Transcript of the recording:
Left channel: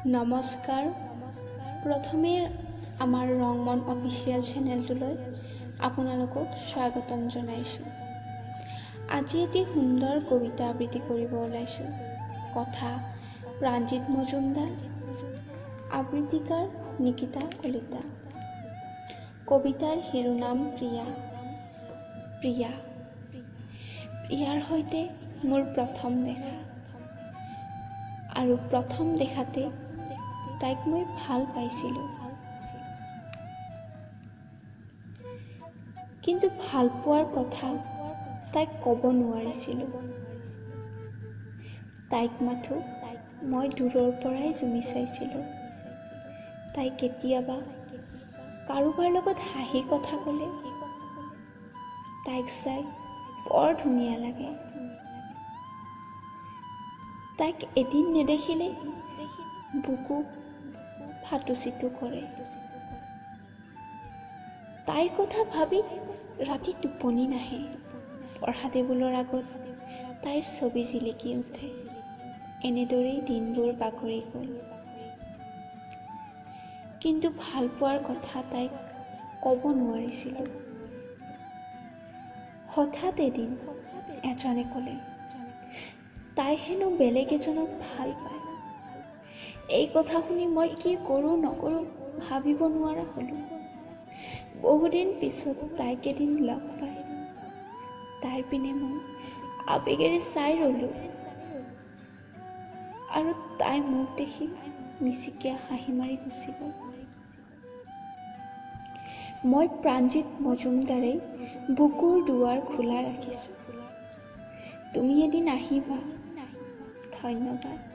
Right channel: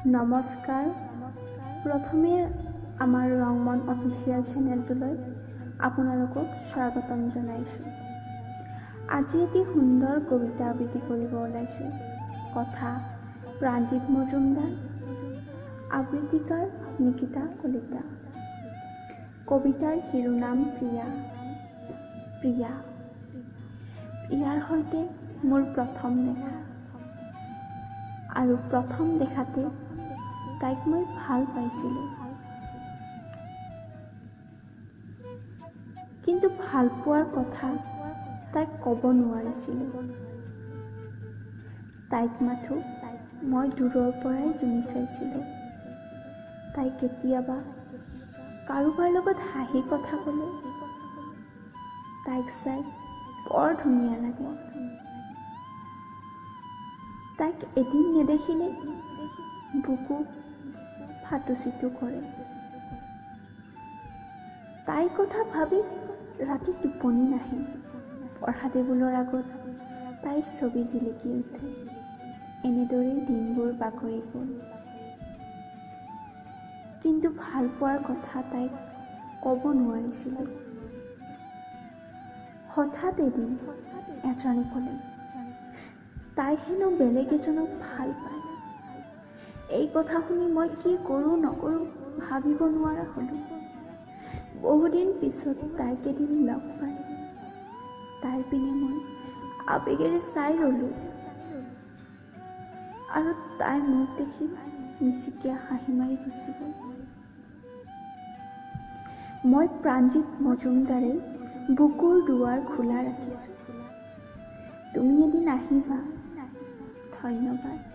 নমস্কাৰ। প্ৰথমে আমাৰ ৰংমন অফিচিয়েল চেনেলটোলৈ আপোনালোকক স্বাগতম জনাইছোঁ। আজি এটি সুন্দৰ কবিতা আবৃত্তি কৰিব ওলাইছোঁ। কথা প্ৰাঞ্জিত মজুমদাৰ, আবৃত্তিকাৰ নিকিতা কলিতা। কবিতাৰ শিৰোনাম প্ৰিয়া। প্ৰিয়া প্ৰিয়াৰ সৈতে মোৰ প্ৰথম দেখা, আৰু প্ৰথম দেখাতে তাইক মই ভাল পাইছিলোঁ। কিন্তু ভাল পোৱাৰ কথা তাইক ক'ব নোৱাৰিছিলোঁ। তাইক মাথো মই দূৰৰ পৰাই জুমি চাইছিলোঁ। তাই কেতিয়াবা কাৰোবাৰ লগত হাঁহি কথা ক'লে তাইক চাই বৰ ধুনীয়া লাগে। তাইক এদিন নেদেখিলে বুকু ফাটুচিটো কৰে। তাইৰ কথা ভাবি ৰাতি টোপনি নাহে। পঢ়া টেবুলৰ আগত তাইৰ ছবি জিলিকি উঠে। এনেদৰেই দিনবোৰ বাগৰি গ'ল। কিন্তু ভাল পোৱাৰ কথা তাইক ক'ব নোৱাৰিছিলোঁ। হঠাৎ এদিন এজনে ক'লে তাই হেনো বেলেগ এজনক ভাল পায়। এই কথা শুনি মই কি কৰোঁ নকৰোঁ ভাবিব নোৱাৰা হ'লোঁ। বহুদিন পিছত তাইক এদিন লগ পাই তাইৰ পিনে মই আবেগেৰে চাই ৰ'লোঁ, আৰু তাই মোক দেখি মিচিকিয়া হাঁহি মাৰি গুচি গ'ল। মই প্ৰাঞ্জিত মজুমদাৰে বুকুৰ দুৱাৰ খোলা ৰাখিছোঁ। তুমি এদিন আহিবা। ধন্যবাদ।